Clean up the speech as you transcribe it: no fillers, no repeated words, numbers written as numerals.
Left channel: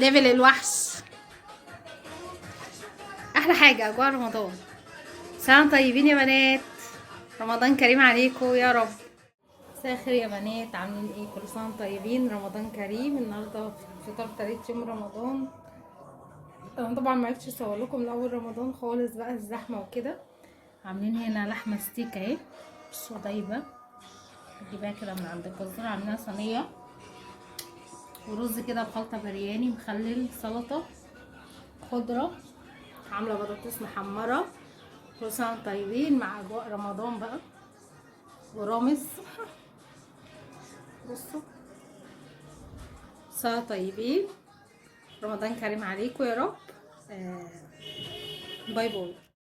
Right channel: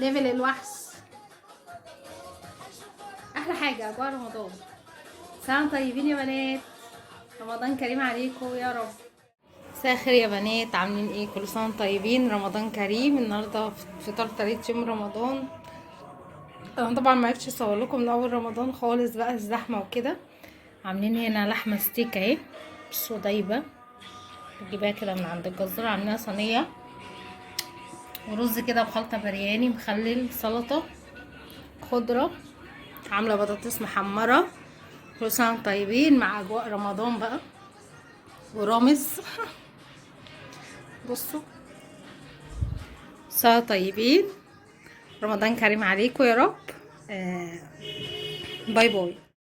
ليفل الوحش. احلى حاجه اجواء رمضان. سلام طيبين يا بنات، رمضان كريم عليكم يا رب. مساء الخير يا بنات، عاملين ايه؟ كل سنه وانتم طيبين، رمضان كريم. النهارده فطار تالت يوم رمضان. انا طبعا ما عرفتش اصور لكم من اول رمضان خالص بقى، الزحمه وكده. عاملين هنا لحمه ستيك اهي، بصوا دايبه، بجيبها كده من عند الجزار. عاملينها صينيه، ورز كده بخلطه برياني، مخلل، سلطه، خضره، عامله بطاطس محمره. كل سنه وانتم طيبين مع اجواء رمضان بقى، ورامز. بصوا، سنه طيبين، رمضان كريم عليكم يا رب. باي باي.